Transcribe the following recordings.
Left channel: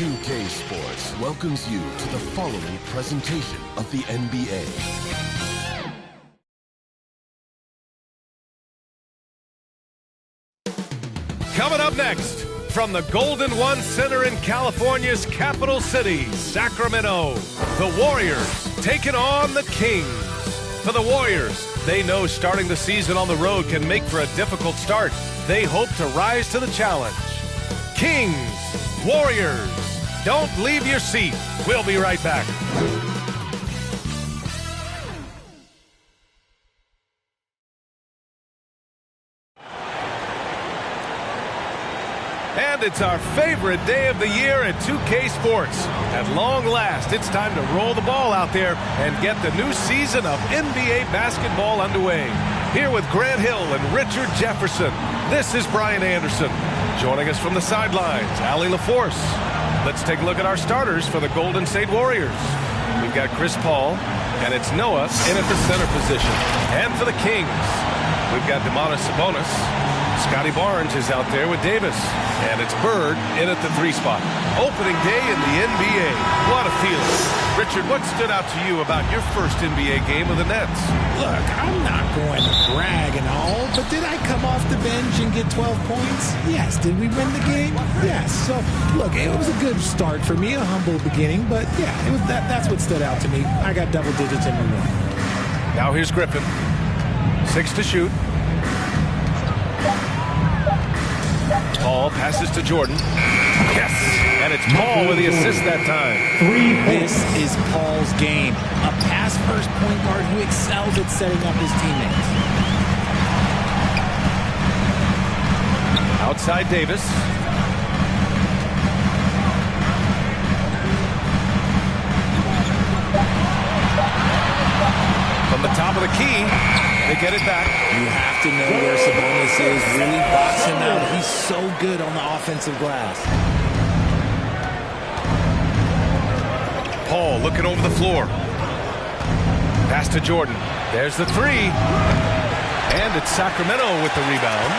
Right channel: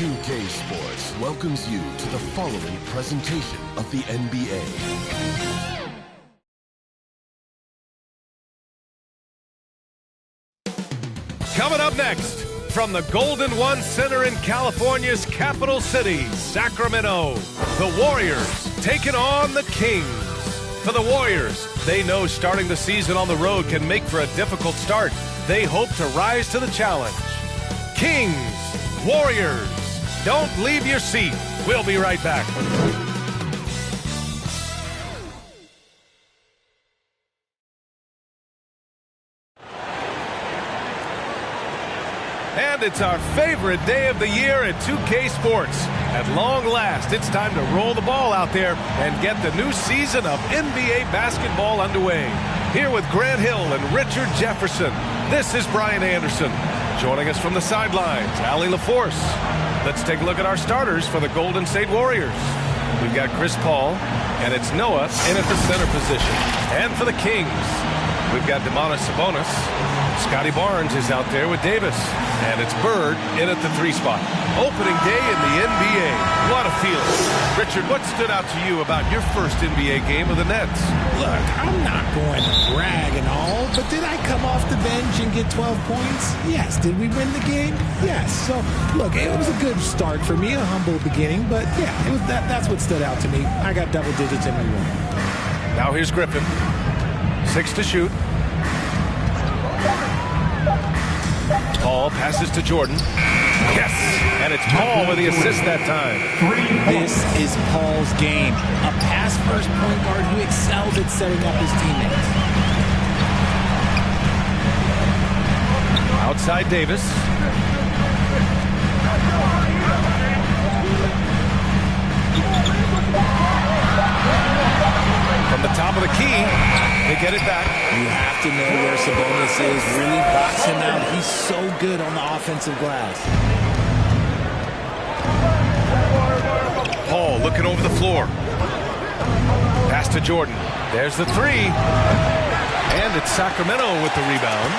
2K Sports welcomes you to the following presentation of the NBA. Coming up next, from the Golden One Center in California's capital city, Sacramento, the Warriors taking on the Kings. For the Warriors, they know starting the season on the road can make for a difficult start. They hope to rise to the challenge. Kings, Warriors, don't leave your seat. We'll be right back. And it's our favorite day of the year at 2K Sports. At long last, it's time to roll the ball out there and get the new season of NBA basketball underway. Here with Grant Hill and Richard Jefferson, this is Brian Anderson. Joining us from the sidelines, Allie LaForce. Let's take a look at our starters for the Golden State Warriors. We've got Chris Paul, and it's Noah in at the center position. And for the Kings, we've got Domantas Sabonis. Scotty Barnes is out there with Davis. And it's Bird in at the 3 spot. Opening day in the NBA. What a feeling. Richard, what stood out to you about your first NBA game with the Nets? Look, I'm not going to brag and all, but did I come off the bench and get 12 points? Yes. Did we win the game? Yes. So, look, it was a good start for me, a humble beginning, but yeah, it was that's what stood out to me. I got double digits and we won. Now here's Griffin. 6 to shoot. Paul passes to Jordan. Yes! And it's Paul with the assist that time. This is Paul's game. A pass-first point guard who excels at setting up his teammates. Outside Davis. From the top of the key, they get it back. You have to know where Sabonis is. Really box him out. He's so good on the offensive glass. Paul looking over the floor. Pass to Jordan. There's the 3. And it's Sacramento with the rebound.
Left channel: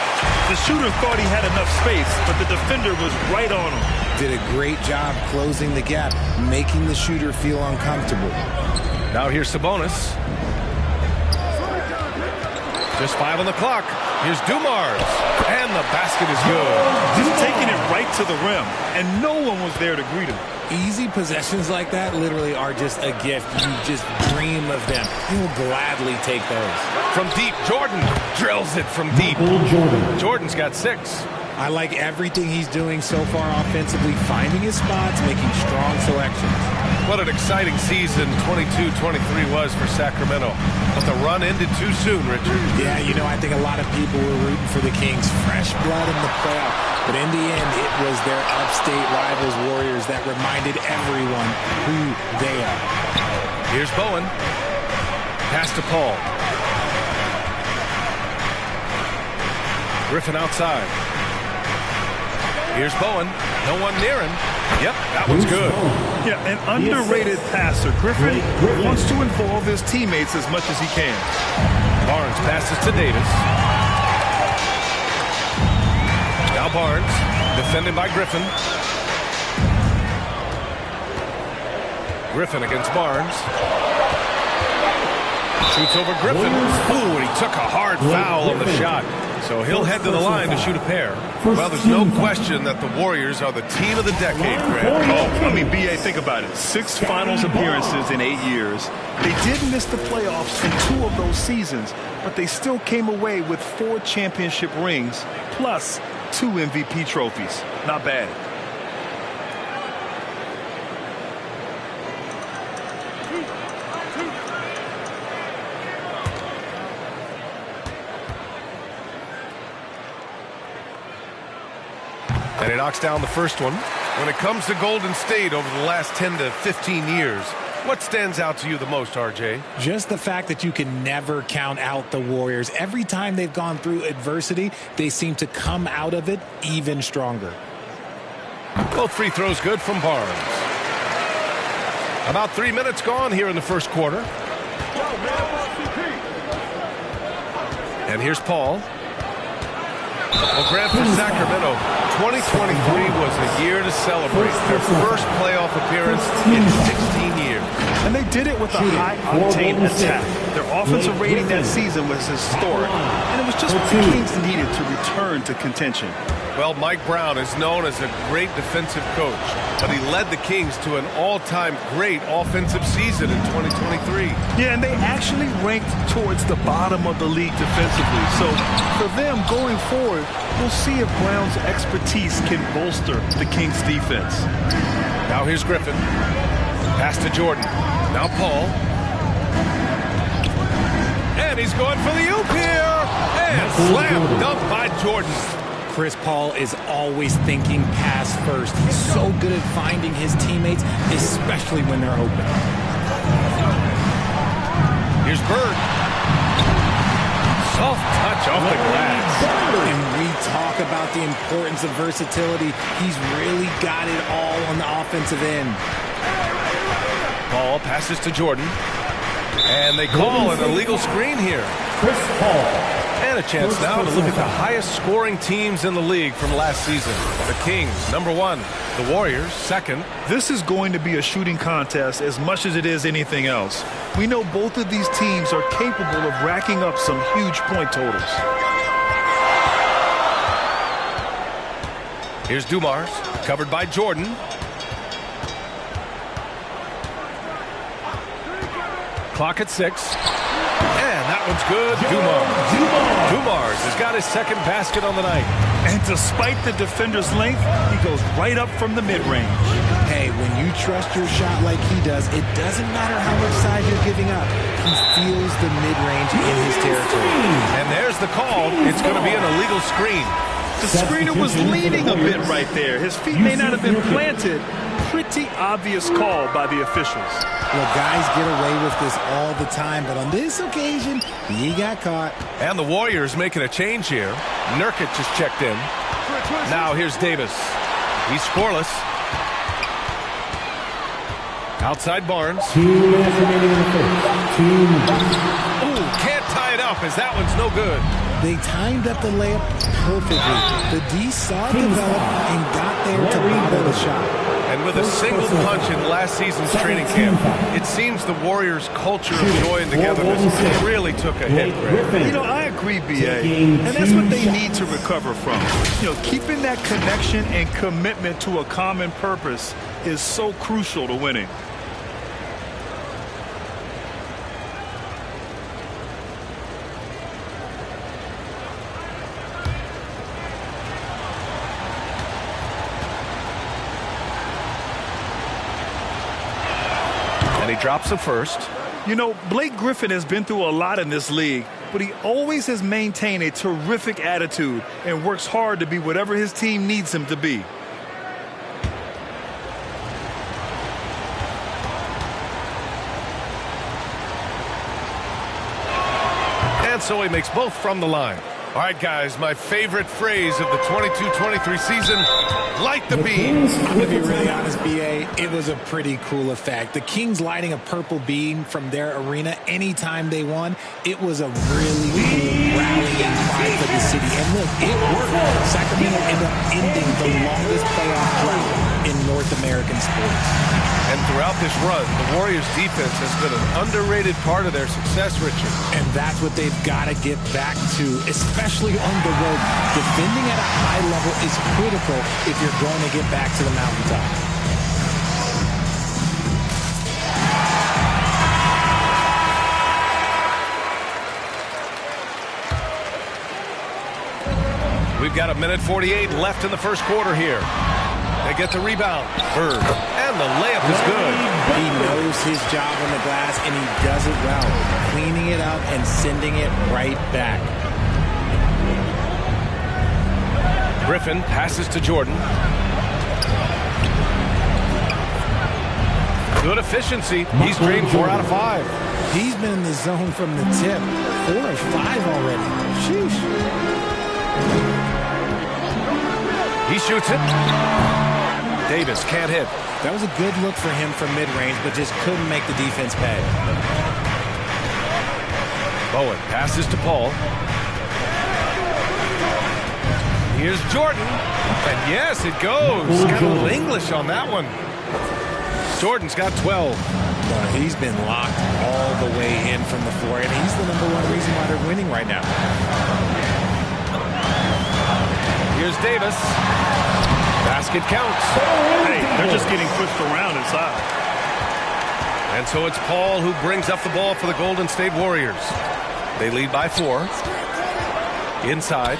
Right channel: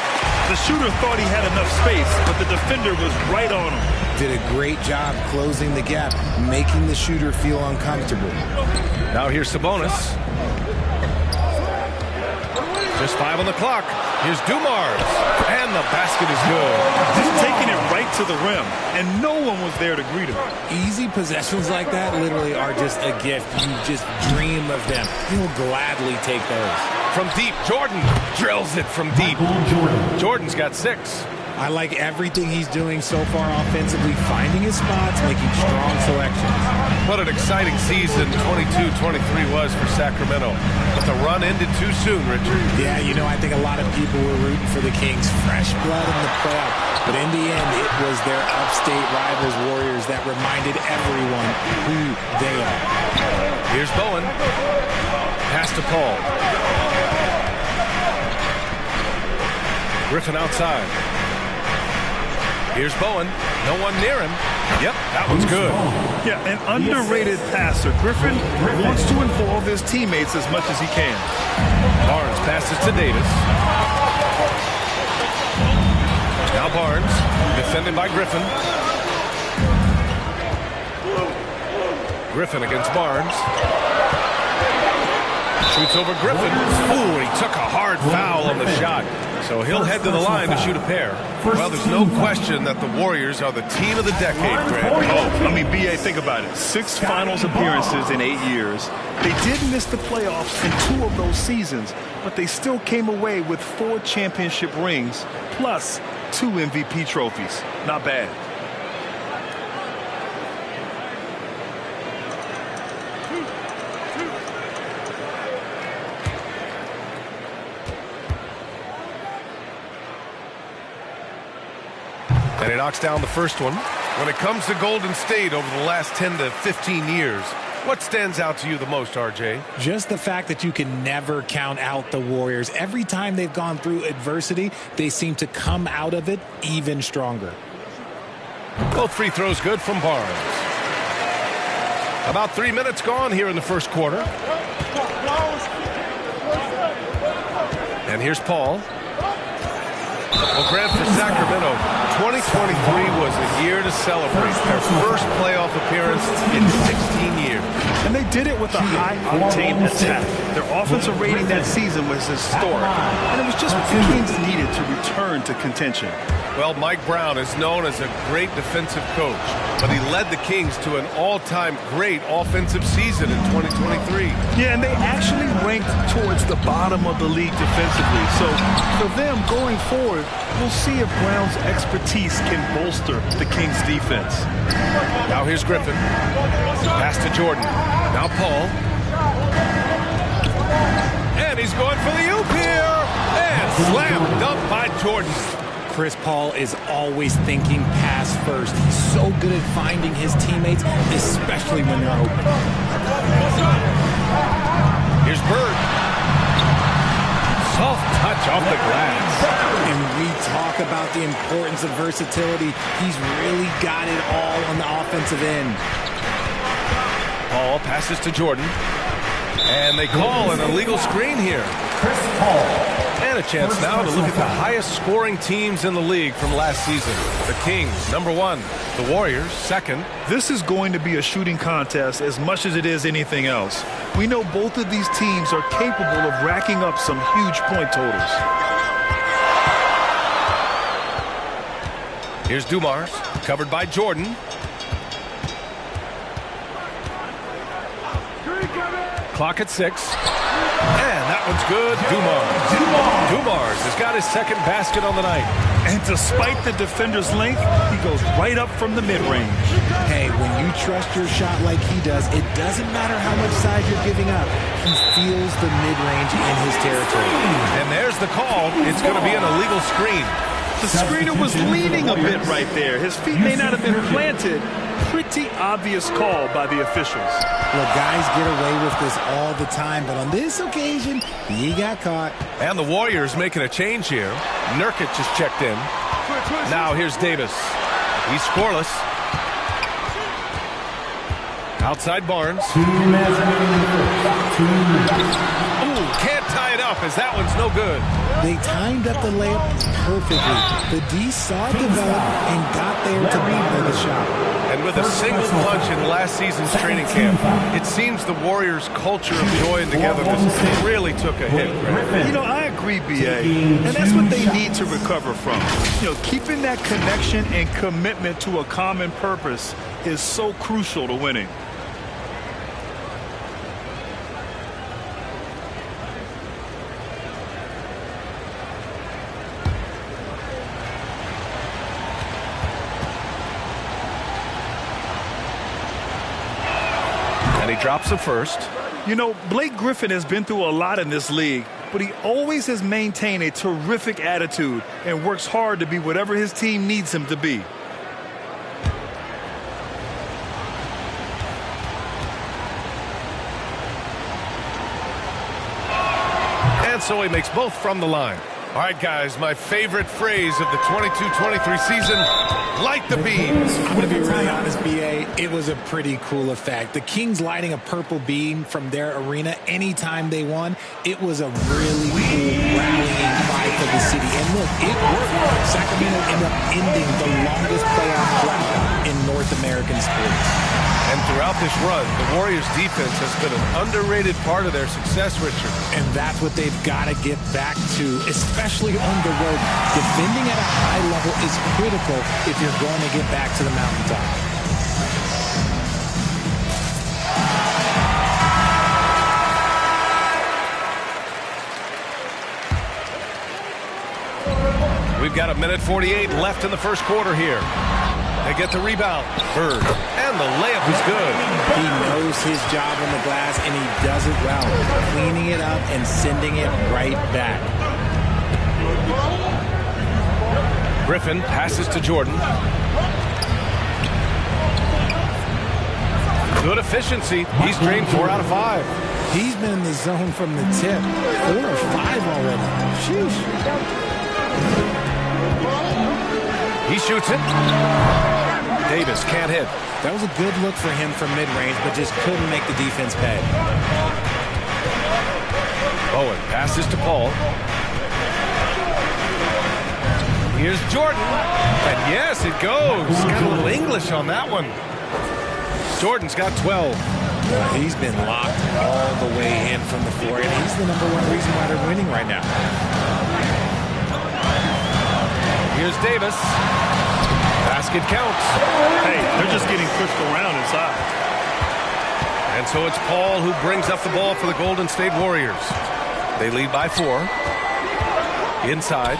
The shooter thought he had enough space, but the defender was right on him. Did a great job closing the gap, making the shooter feel uncomfortable. Now here's Sabonis. Just 5 on the clock. Here's Dumars. And the basket is good. Just taking it right to the rim, and no one was there to greet him. Easy possessions like that literally are just a gift. You just dream of them. He'll gladly take those. From deep, Jordan drills it from deep. Jordan's got 6. I like everything he's doing so far offensively, finding his spots, making strong selections. What an exciting season 22-23 was for Sacramento. But the run ended too soon, Richard. Yeah, you know, I think a lot of people were rooting for the Kings. Fresh blood in the playoff. But in the end, it was their upstate rivals Warriors that reminded everyone who they are. Here's Bowen. Pass to Paul. Griffin outside. Here's Bowen. No one near him. Yep, that one's good. Yeah, an underrated passer. Griffin wants to involve his teammates as much as he can. Barnes passes to Davis. Now Barnes, defended by Griffin. Griffin against Barnes. Shoots over Griffin. Ooh, and he took a hard foul on the shot. So he'll head to the line to shoot a pair. Well, there's no question that the Warriors are the team of the decade, Grant. Oh, I mean, B.A., think about it. 6 finals appearances in 8 years. They did miss the playoffs in 2 of those seasons, but they still came away with 4 championship rings plus 2 MVP trophies. Not bad. And he knocks down the first one. When it comes to Golden State over the last 10 to 15 years, what stands out to you the most, RJ? Just the fact that you can never count out the Warriors. Every time they've gone through adversity, they seem to come out of it even stronger. Both free throws good from Barnes. About 3 minutes gone here in the first quarter. And here's Paul. Well, Grant, for Sacramento, 2023 was a year to celebrate. Their first playoff appearance in 16 years. And they did it with a high-octane attack. Their offensive rating that season was historic. And it was just what the Kings needed to return to contention. Well, Mike Brown is known as a great defensive coach, but he led the Kings to an all-time great offensive season in 2023. Yeah, and they actually ranked towards the bottom of the league defensively. So for them going forward, we'll see if Brown's expertise can bolster the Kings' defense. Now here's Griffin. Pass to Jordan. Now Paul. And he's going for the oop here. And slam dunk by Jordan. Chris Paul is always thinking pass first. He's so good at finding his teammates, especially when they're open. Here's Bird. Soft touch off the glass. And we talk about the importance of versatility. He's really got it all on the offensive end. Paul passes to Jordan. And they call an illegal screen here. Chris Paul. And a chance now to look at the highest scoring teams in the league from last season. The Kings, #1. The Warriors, 2nd. This is going to be a shooting contest as much as it is anything else. We know both of these teams are capable of racking up some huge point totals. Here's Dumars, covered by Jordan. Clock at 6. And that one's good. Dumars has got his 2nd basket on the night. And despite the defender's length, he goes right up from the mid-range. Hey, when you trust your shot like he does, it doesn't matter how much size you're giving up. He feels the mid-range in his territory. And there's the call. It's going to be an illegal screen. The screener was leaning a bit right there. His feet may not have been planted. Pretty obvious call by the officials. Well, guys get away with this all the time, but on this occasion, he got caught. And the Warriors making a change here. Nurkic just checked in. Now here's Davis. He's scoreless. Outside Barnes. 2 minutes remaining in the first. 2 minutes. Ooh, can't tie it up as that one's no good. They timed up the layup perfectly. The D saw it develop and got there to bother the shot. And with a single punch in last season's training camp, it seems the Warriors' culture of joy and togetherness really took a hit, Grant. You know, I agree, B.A., and that's what they need to recover from. You know, keeping that connection and commitment to a common purpose is so crucial to winning. And he drops the first. You know, Blake Griffin has been through a lot in this league, but he always has maintained a terrific attitude and works hard to be whatever his team needs him to be. And so he makes both from the line. All right, guys, my favorite phrase of the 22-23 season, light the beam. I'm going to be really honest, B.A., it was a pretty cool effect. The Kings lighting a purple beam from their arena anytime they won, it was a really cool rallying cry for the city. And look, it worked. Sacramento ended up ending the longest playoff drought in North American sports. And throughout this run, the Warriors' defense has been an underrated part of their success, Richard. And that's what they've got to get back to, especially on the road. Defending at a high level is critical if you're going to get back to the mountaintop. We've got 1:48 left in the first quarter here. They get the rebound. Bird. And the layup is good. He knows his job on the glass, and he does it well. Cleaning it up and sending it right back. Griffin passes to Jordan. Good efficiency. He's drained 4 out of 5. He's been in the zone from the tip. 4 of 5 already. Sheesh. He shoots it. Davis can't hit. That was a good look for him from mid-range, but just couldn't make the defense pay. Bowen passes to Paul. Here's Jordan. And yes, it goes. Got a little English on that one. Jordan's got 12. He's been locked all the way in from the floor, and he's the #1 reason why they're winning right now. Here's Davis. Basket counts. Hey, they're just getting pushed around inside. And so it's Paul who brings up the ball for the Golden State Warriors. They lead by 4. Inside.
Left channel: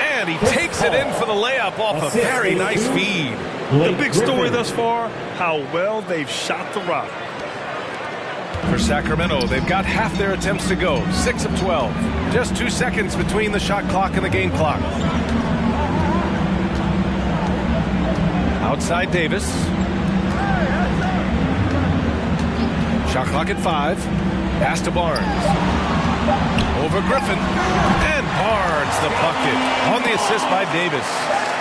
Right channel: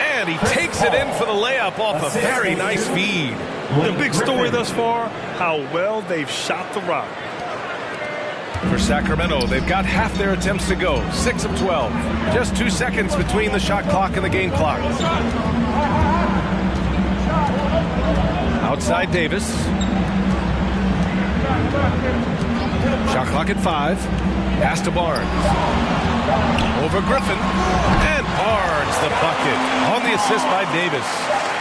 And he takes it in for the layup off a very nice feed. The big story thus far, how well they've shot the rock. For Sacramento, they've got half their attempts to go. 6 of 12. Just 2 seconds between the shot clock and the game clock. Outside Davis. Shot clock at 5. Pass to Barnes. Over Griffin. And Barnes the bucket on the assist by Davis.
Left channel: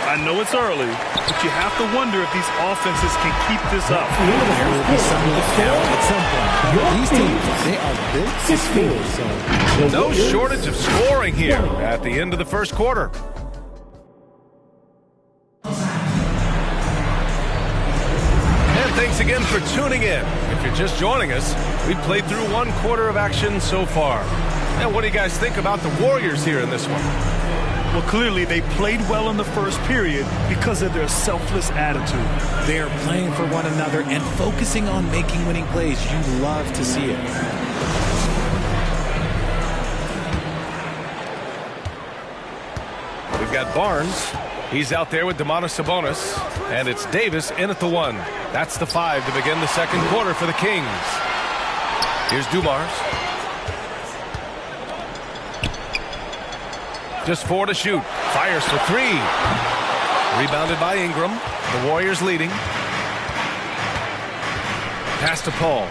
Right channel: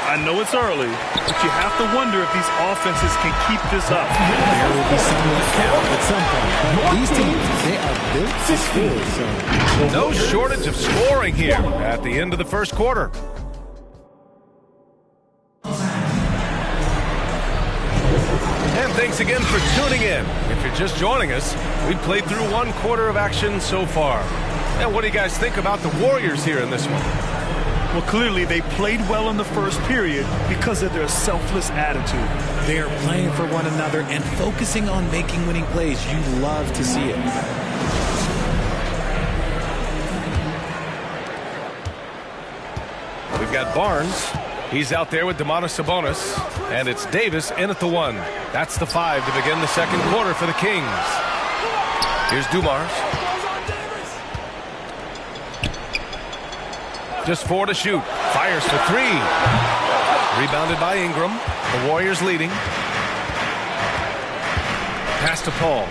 I know it's early, but you have to wonder if these offenses can keep this up. There will be some left out at some point. But these teams, they are built to score. So no shortage of scoring here at the end of the first quarter. And thanks again for tuning in. If you're just joining us, we've played through 1 quarter of action so far. And what do you guys think about the Warriors here in this one? Well, clearly they played well in the first period because of their selfless attitude. They are playing for one another and focusing on making winning plays. You love to see it. We've got Barnes. He's out there with Domantas Sabonis. And it's Davis in at the 1. That's the 5 to begin the second quarter for the Kings. Here's Dumars. Just 4 to shoot. Fires for 3. Rebounded by Ingram. The Warriors leading. Pass to Paul.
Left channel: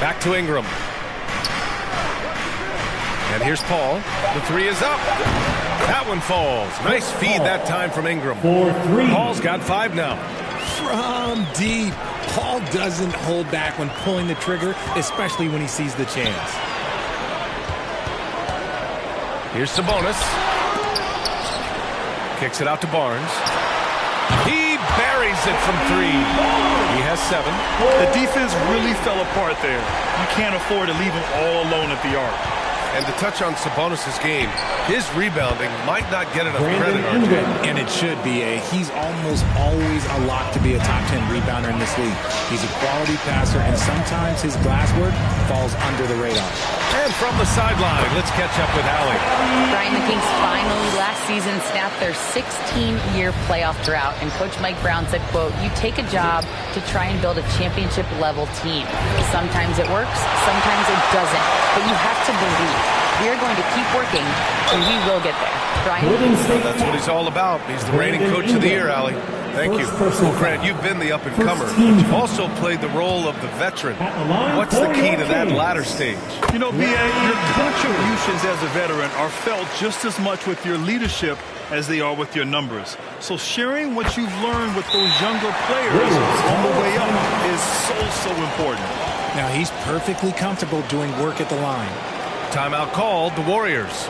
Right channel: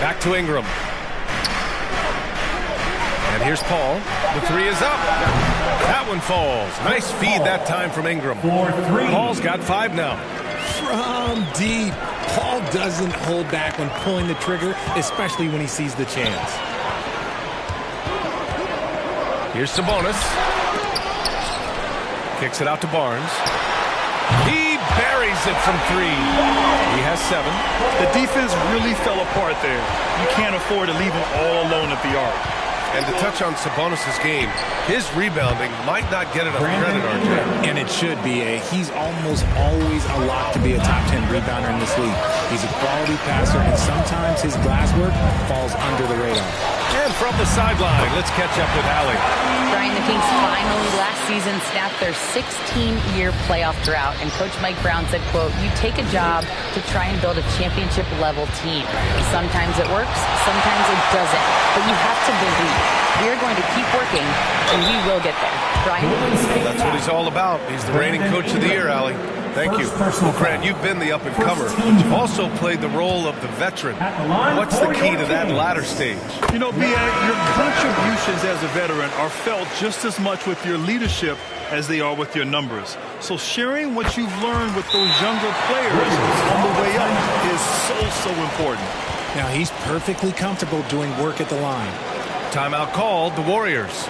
Back to Ingram. And here's Paul. The 3 is up. That one falls. Nice feed that time from Ingram. Paul's got 5 now. From deep. Paul doesn't hold back when pulling the trigger, especially when he sees the chance. Here's Sabonis. Kicks it out to Barnes. He buries it from 3. He has 7. The defense really fell apart there. You can't afford to leave him all alone at the arc. And to touch on Sabonis' game, his rebounding might not get enough credit, RJ. And it should be. He's almost always a lock to be a top 10 rebounder in this league. He's a quality passer, and sometimes his glass work falls under the radar. And from the sideline, let's catch up with Allie. Brian, the Kings finally last season snapped their 16-year playoff drought, and Coach Mike Brown said, quote, "You take a job to try and build a championship-level team. Sometimes it works, sometimes it doesn't, but you have to believe. We are going to keep working, and we will get there." Brian? That's what he's all about. He's the reigning coach of the year, Allie. Thank you. Well, Grant, you've been the up-and-comer, but you've also played the role of the veteran. What's the key to that latter stage? You know, B.A., your contributions as a veteran are felt just as much with your leadership as they are with your numbers. So sharing what you've learned with those younger players on the way up is so important. Now, he's perfectly comfortable doing work at the line. Timeout called, the Warriors.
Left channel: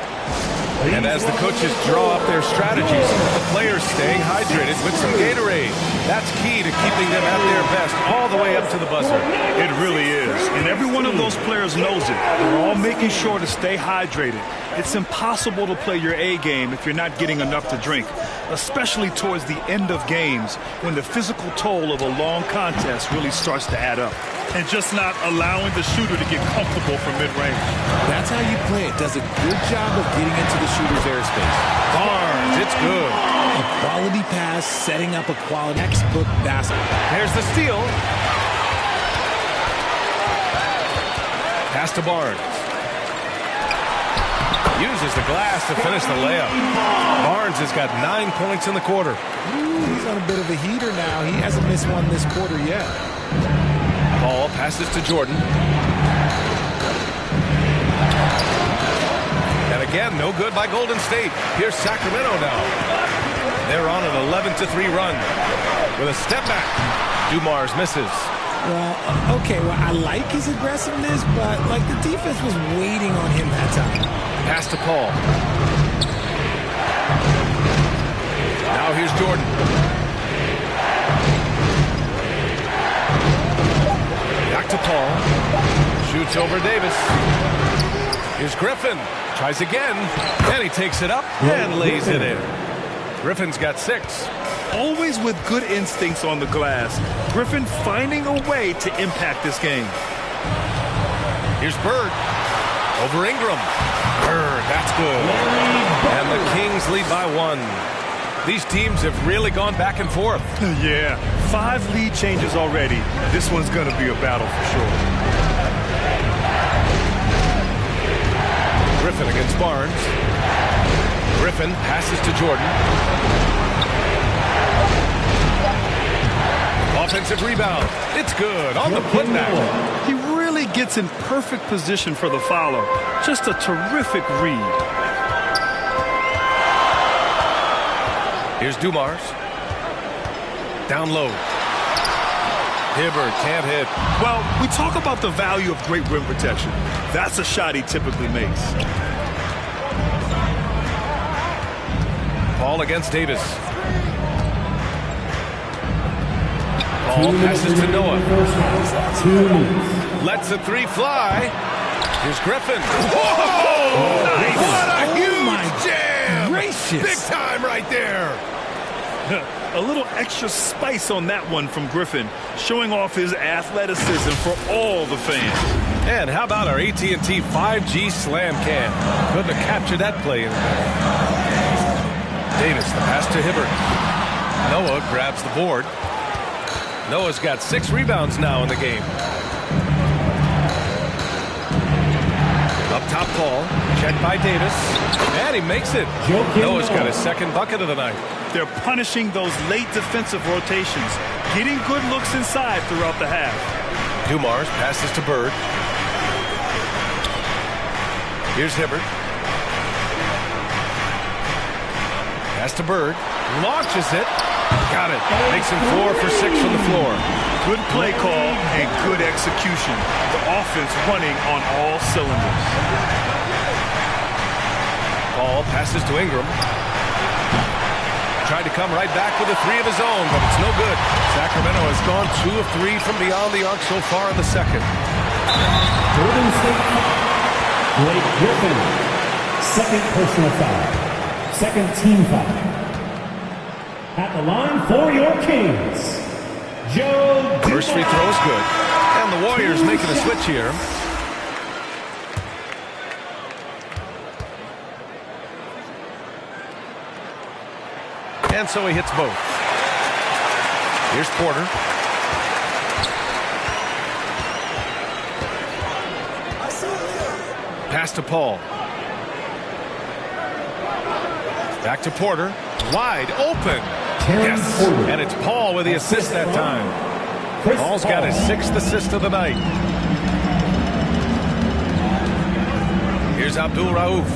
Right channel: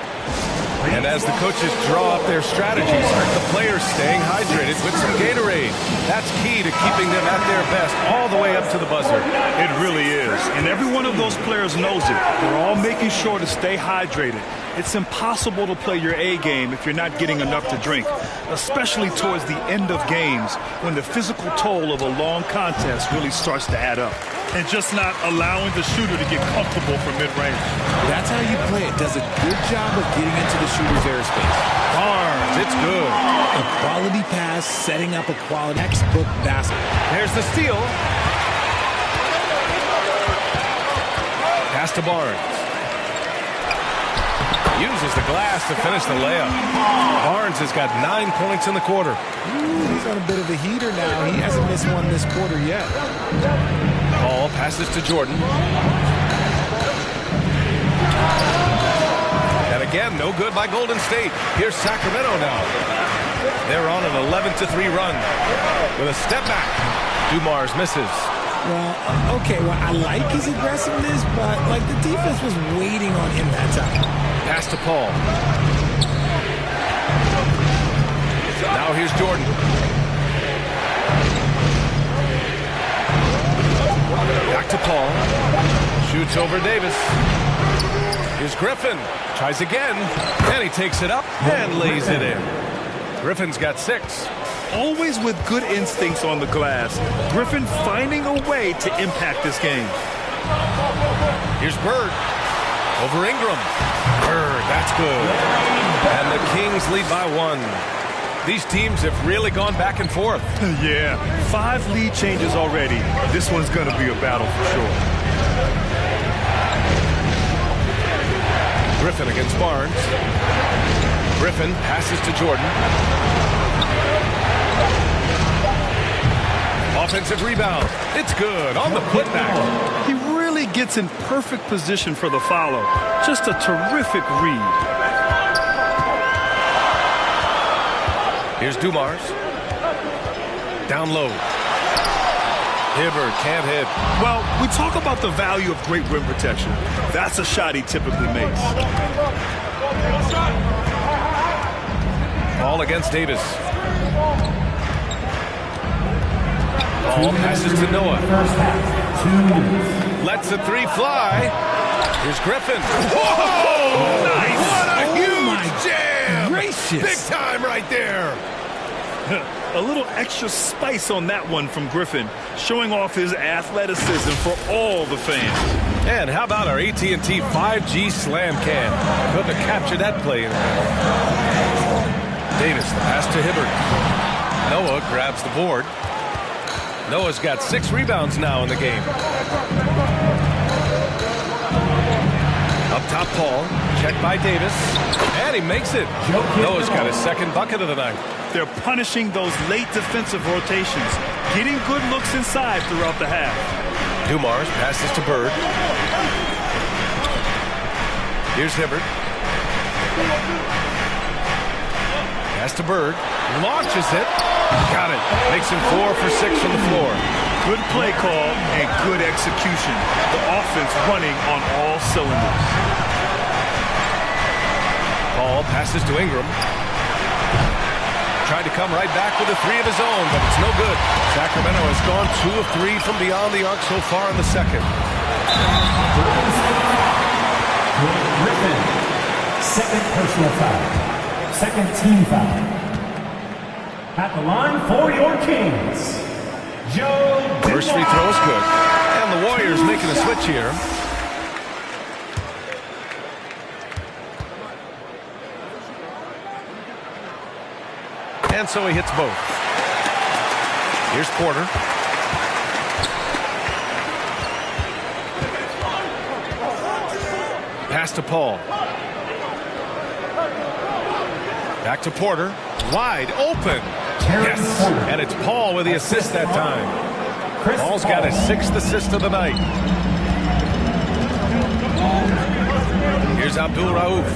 And as the coaches draw up their strategies, the players staying hydrated with some Gatorade. That's key to keeping them at their best all the way up to the buzzer. It really is. And every one of those players knows it. They're all making sure to stay hydrated. It's impossible to play your A game if you're not getting enough to drink, especially towards the end of games when the physical toll of a long contest really starts to add up. And just not allowing the shooter to get comfortable from mid-range. That's how you play it. Does a good job of getting into the shooter's airspace. Barnes, it's good. A quality pass, setting up a quality textbook basket. There's the steal. Pass to Barnes. Uses the glass to finish the layup. Barnes has got 9 points in the quarter. Ooh, he's on a bit of a heater now. He hasn't missed one this quarter yet. Ball passes to Jordan. And again, no good by Golden State. Here's Sacramento now. They're on an 11-3 run. With a step back, Dumars misses. Well, okay, well, I like his aggressiveness, but, like, the defense was waiting on him that time. Pass to Paul. Now here's Jordan. Back to Paul. Shoots over Davis. Here's Griffin. Tries again. And he takes it up and lays it in. Griffin's got 6. Always with good instincts on the glass. Griffin finding a way to impact this game. Here's Bird. Over Ingram. Bird, that's good. And the Kings lead by 1. These teams have really gone back and forth. Yeah, 5 lead changes already. This one's going to be a battle for sure. Griffin against Barnes. Griffin passes to Jordan. Offensive rebound. It's good on the putback. He really gets in perfect position for the follow. Just a terrific read. Here's Dumars. Down low. Hibbert can't hit. Well, we talk about the value of great rim protection. That's a shot he typically makes. Ball against Davis. Ball passes to Noah. Lets the 3 fly. Here's Griffin. Whoa! Nice! What a huge jam! Gracious. Big time right there. A little extra spice on that one from Griffin, showing off his athleticism for all the fans. And how about our AT&T 5G slam cam? Couldn't have captured that play any better. Davis, the pass to Hibbert. Noah grabs the board. Noah's got 6 rebounds now in the game. Up top, Paul. Checked by Davis. And he makes it. Noah's got his 2nd bucket of the night. They're punishing those late defensive rotations, getting good looks inside throughout the half. Dumars passes to Bird. Here's Hibbert. Pass to Bird. Launches it. Got it. Makes him 4 for 6 from the floor. Good play call and good execution. The offense running on all cylinders. Paul passes to Ingram. Tried to come right back with a 3 of his own, but it's no good. Sacramento has gone 2 of 3 from beyond the arc so far in the second. Golden State Blake Griffin, 2nd personal foul, 2nd team foul. At the line for your Kings, Joe Dumars. First free throw is good. And the Warriors making a switch here. And so he hits both. Here's Porter. Pass to Paul. Back to Porter. Wide open. Yes. And it's Paul with the assist that time. Paul's got his 6th assist of the night. Here's Abdul Rauf.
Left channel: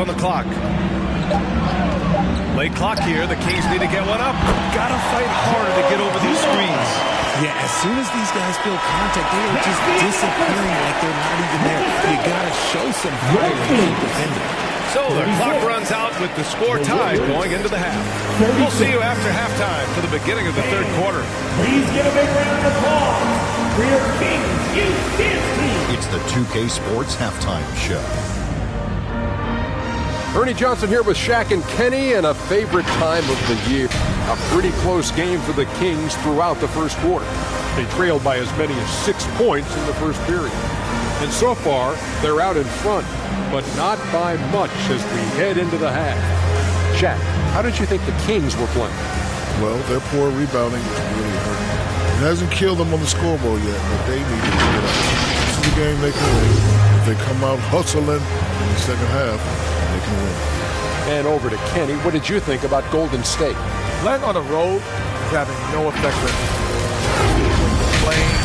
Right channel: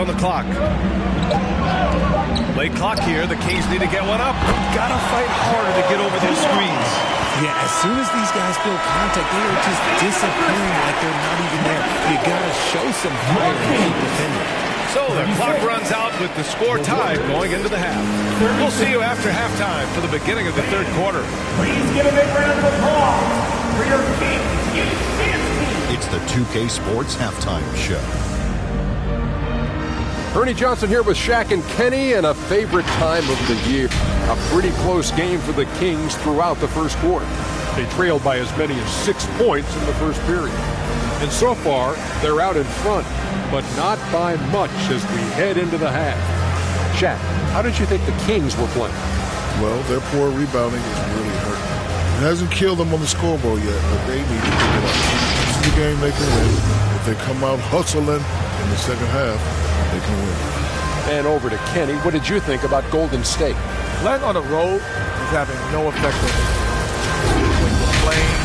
on the clock. Late clock here. The Kings need to get one up. Gotta fight harder to get over those screens. Yeah, as soon as these guys feel contact, they are just disappearing like they're not even there. You gotta show some fire and keep defending. So the clock runs out with the score tied going into the half. We'll see you after halftime for the beginning of the third quarter. Please give a big round of applause for your Kings Youth Dance Team. It's the 2K Sports Halftime Show. Ernie Johnson here with Shaq and Kenny, and a favorite time of the year. A pretty close game for the Kings throughout the first quarter. They trailed by as many as 6 points in the first period. And so far, they're out in front, but not by much as we head into the half. Shaq, how did you think the Kings were playing? Well, their poor rebounding is really hurting. It hasn't killed them on the scoreboard yet, but they need to pick it up. This is a game they can win. If they come out hustling in the second half, they can win. And over to Kenny. What did you think about Golden State? Playing on the road is having no effect on this. When you're playing,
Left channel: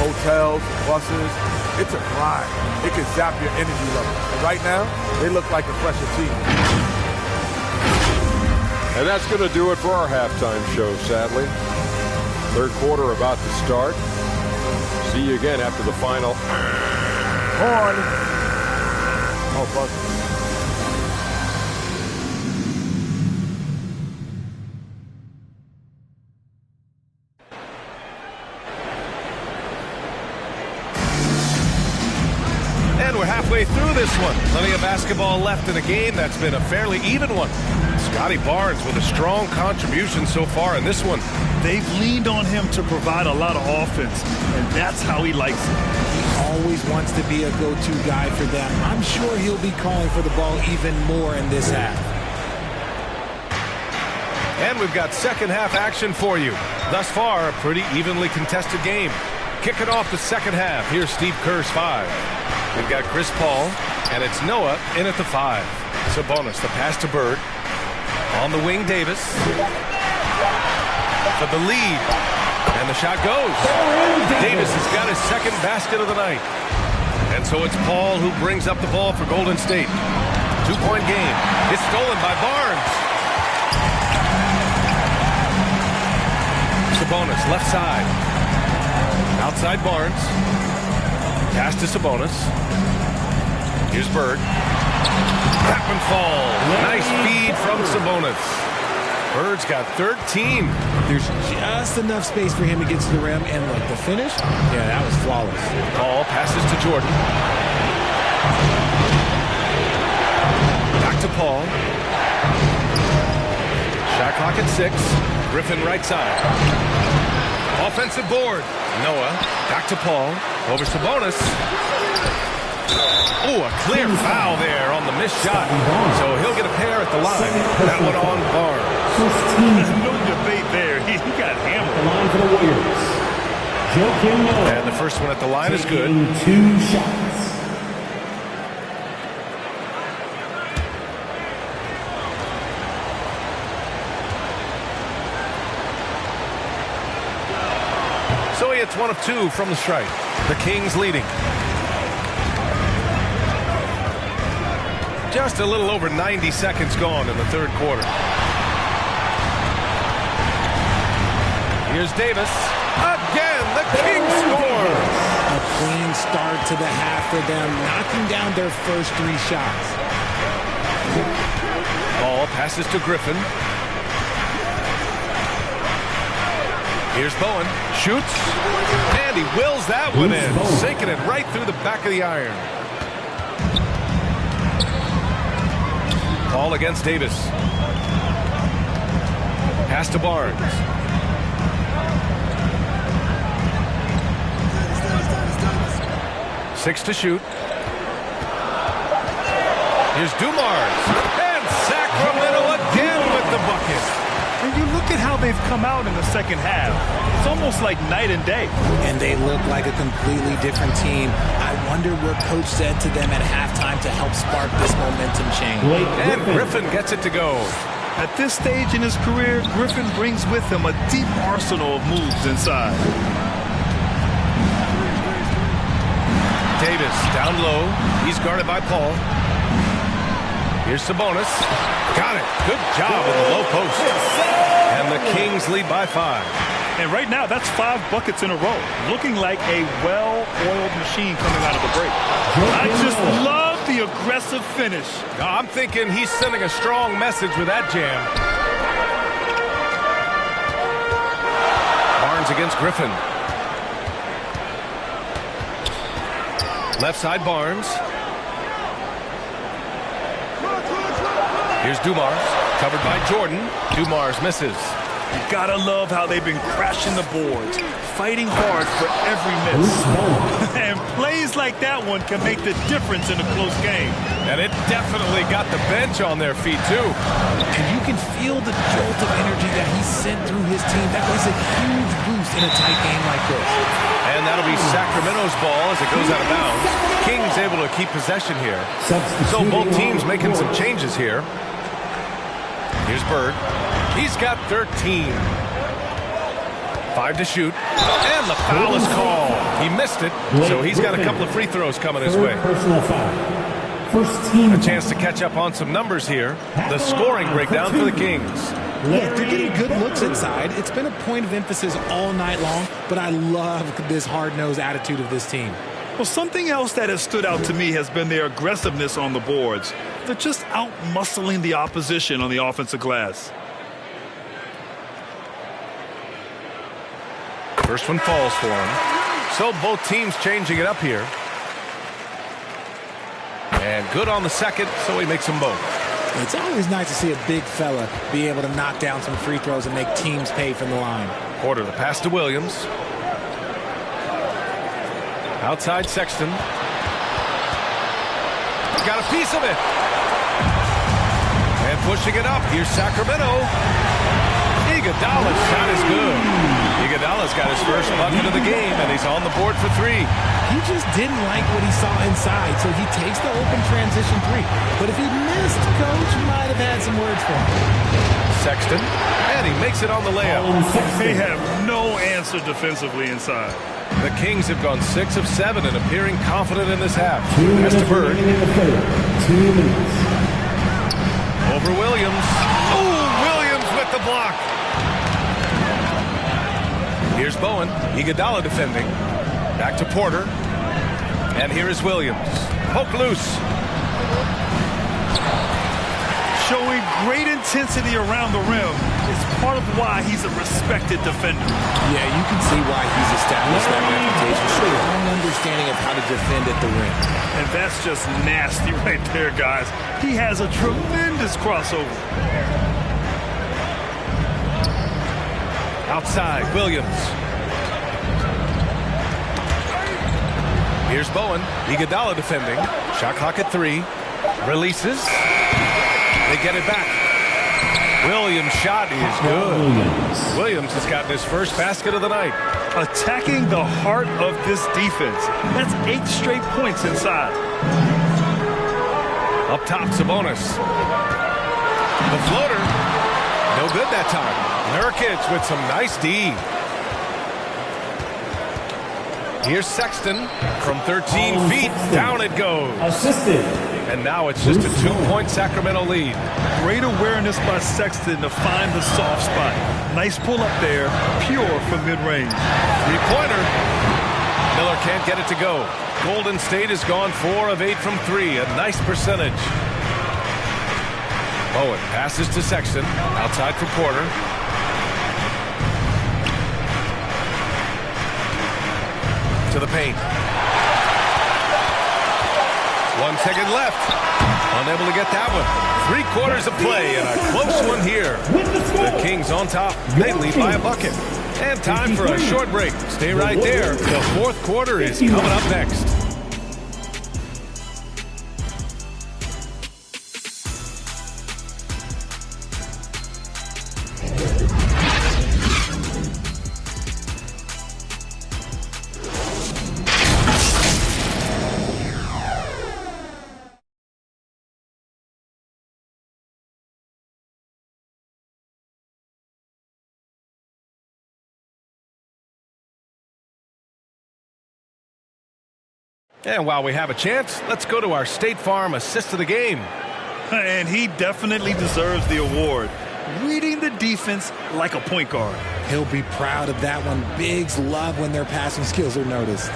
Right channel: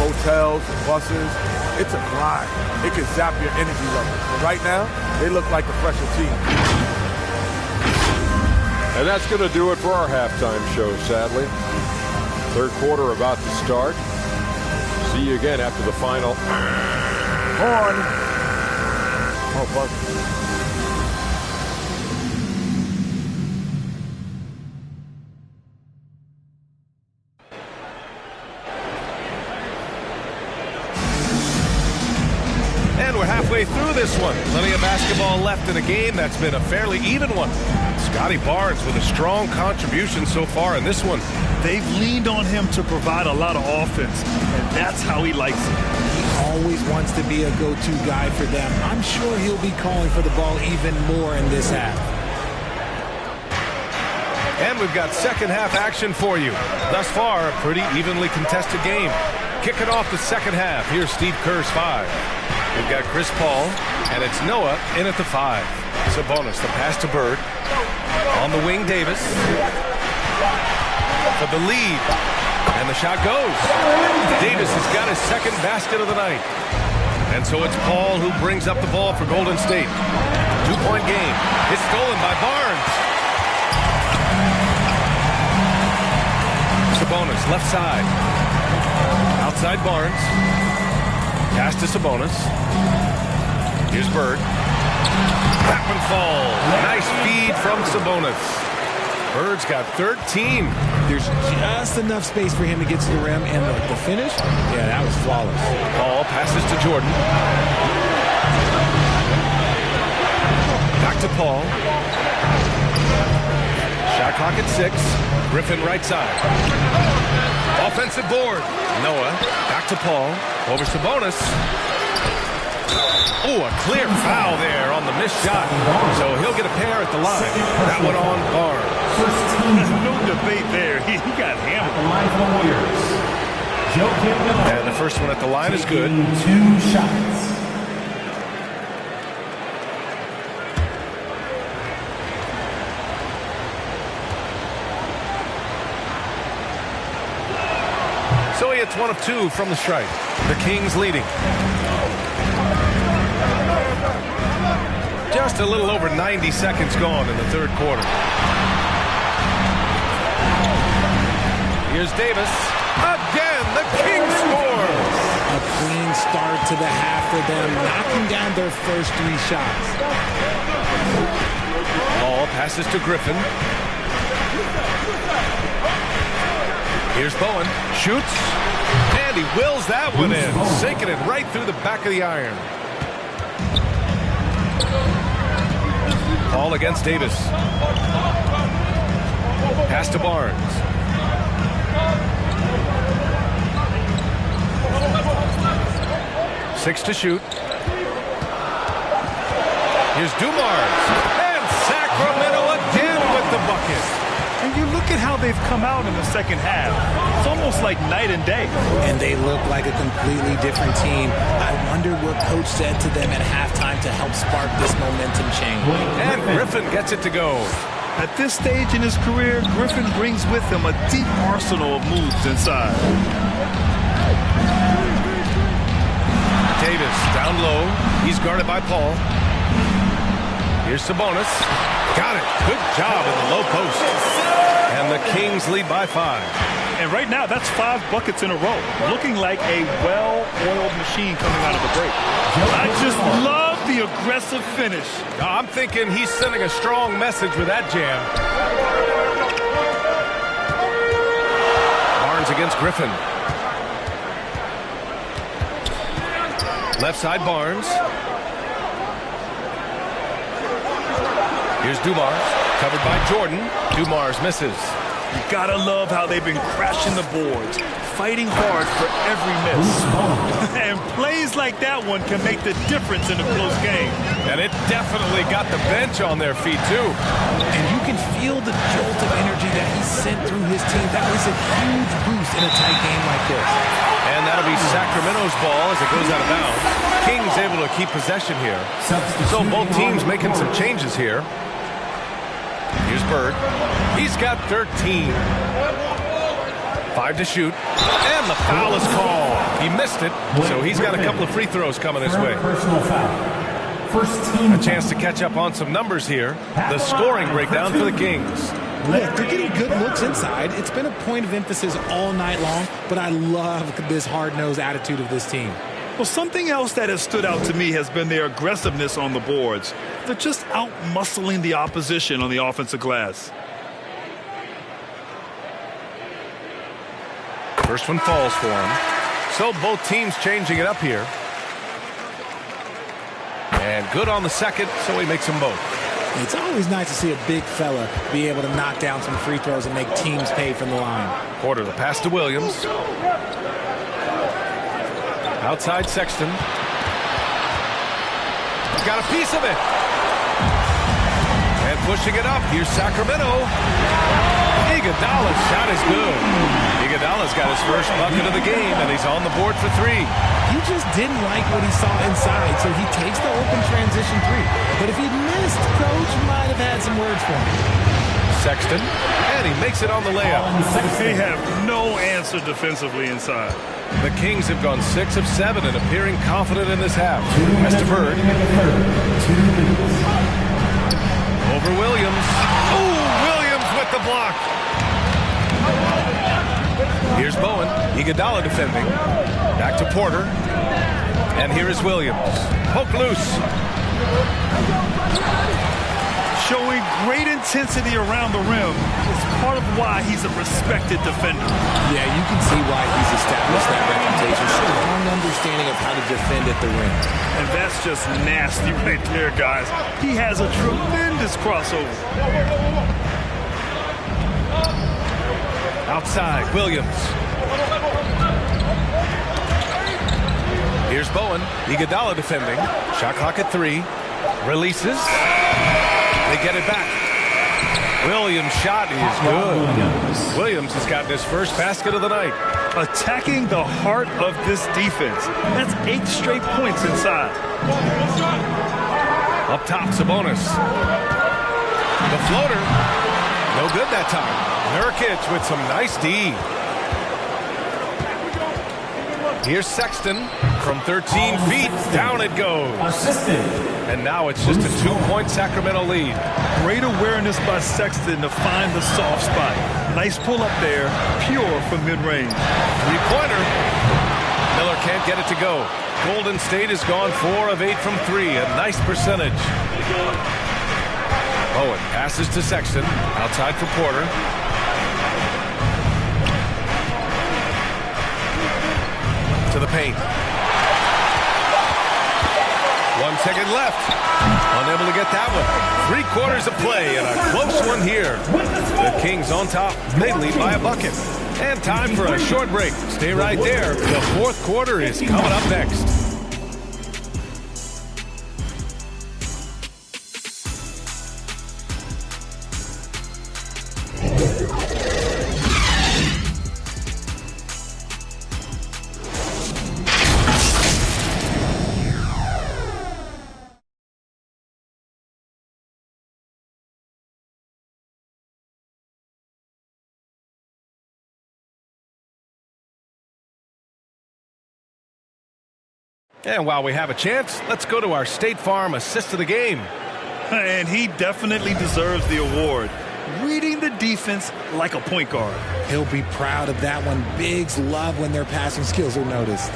hotels, buses, it's a grind. It can zap your energy level. But right now, they look like a fresher team. And that's going to do it for our halftime show, sadly. Third quarter about to start. See you again after the final. Horn. Oh, buzzer. And we're halfway through this one. Plenty of basketball left in a game that's been a fairly even one. Scotty Barnes with a strong contribution so far in this one. They've leaned on him to provide a lot of offense, and that's how he likes it. He always wants to be a go-to guy for them. I'm sure he'll be calling for the ball even more in this half. And we've got second half action for you. Thus far, a pretty evenly contested game. Kicking off the second half, here's Steve Kerr's 5. We've got Chris Paul, and it's Noah in at the 5. Sabonis, the pass to Bird. On the wing, Davis. For the lead. And the shot goes. Davis has got his second basket of the night. And so it's Paul who brings up the ball for Golden State. 2-point game. It's stolen by Barnes. Sabonis, left side. Outside Barnes. Pass to Sabonis. Here's Bird. That one falls. Nice feed from Sabonis. Bird's got 13. There's just enough space for him to get to the rim, and look, the finish, yeah, that was flawless. Paul passes to Jordan. Back to Paul. Shot clock at 6. Griffin right side. Offensive board. Noah back to Paul. Over Sabonis. Oh, a clear foul there on the missed shot. So he'll get a pair at the line. That one on Barnes. No debate there. He got hammered. The line for the Warriors. Joakim Noah. And the first one at the line is good. 2 shots. So he hits 1 of 2 from the strike. The Kings leading. Just a little over 90 seconds gone in the third quarter. Here's Davis. Again, the Kings score. A clean start to the half for them, knocking down their first 3 shots. Ball passes to Griffin. Here's Bowen. Shoots. And he wills that one in. Sinking it right through the back of the iron. Paul against Davis. Pass to Barnes. Six to shoot. Here's Dumars. And Sacramento again with the bucket. And you look at how they've come out in the second half. It's almost like night and day. And they look like a completely different team. I wonder what coach said to them at halftime to help spark this momentum change. And Griffin gets it to go. At this stage in his career, Griffin brings with him a deep arsenal of moves inside. Davis down low. He's guarded by Paul. Here's Sabonis. Got it. Good job in the low post. And the Kings lead by 5. And right now, that's 5 buckets in a row. Looking like a well-oiled machine coming out of the break. I just love the aggressive finish. I'm thinking he's sending a strong message with that jam. Barnes against Griffin. Left side Barnes. Here's Dumars, covered by Jordan. Dumars misses. You gotta love how they've been crashing the boards, fighting hard for every miss. And plays like that one can make the difference in a close game. And it definitely got the bench on their feet, too. And you can feel the jolt of energy that he sent through his team. That was a huge boost in a tight game like this. And that'll be Sacramento's ball as it goes out of bounds. Kings able to keep possession here. So both teams making some changes here. Here's Bird. He's got 13. 5 to shoot. And the foul is called. He missed it, so he's got a couple of free throws coming his way. Personal foul. First team. A chance to catch up on some numbers here. The scoring breakdown for the Kings. Look, they're getting good looks inside. It's been a point of emphasis all night long, but I love this hard-nosed attitude of this team. Well, something else that has stood out to me has been their aggressiveness on the boards. They're just out-muscling the opposition on the offensive glass. First one falls for him. So both teams changing it up here. And good on the second, so he makes them both. It's always nice to see a big fella be able to knock down some free throws and make teams pay from the line. Porter, the pass to Williams. Outside Sexton. Got a piece of it. And pushing it up. Here's Sacramento. Iguodala's shot is good. Iguodala's got his first bucket of the game, and he's on the board for 3. He just didn't like what he saw inside, so he takes the open transition 3. But if he missed, Coach might have had some words for him. Sexton, and he makes it on the layup. They have no answer defensively inside. The Kings have gone 6 of 7 and appearing confident in this half. As to Bird. 2 minutes. Over Williams. Oh, Williams with the block. Here's Bowen. Iguodala defending. Back to Porter. And here is Williams. Poke loose. Showing great intensity around the rim is part of why he's a respected defender. Yeah, you can see why he's established that reputation. Strong understanding of how to defend at the rim. And that's just nasty right there, guys. He has a tremendous crossover. Outside, Williams. Here's Bowen. Iguodala defending. Shot clock at 3. Releases. They get it back. Williams' shot is good. Williams has gotten his first basket of the night. Attacking the heart of this defense. That's 8 straight points inside. Up top, Sabonis. The floater. No good that time. Nurkic with some nice D. Here's Sexton from 13 feet. Down it goes. Assistant. And now it's just a 2-point Sacramento lead. Great awareness by Sexton to find the soft spot. Nice pull up there, pure from mid-range. 3-pointer. Miller can't get it to go. Golden State has gone 4 of 8 from 3. A nice percentage. Bowen passes to Sexton. Outside for Porter. To the paint. 1 second left. Unable to get that one. 3 quarters of play and a close one here. The Kings on top. They lead by a bucket. And time for a short break. Stay right there. The 4th quarter is coming up next. And while we have a chance, let's go to our State Farm assist of the game. And he definitely deserves the award. Reading the defense like a point guard. He'll be proud of that one. Bigs love when their passing skills are noticed.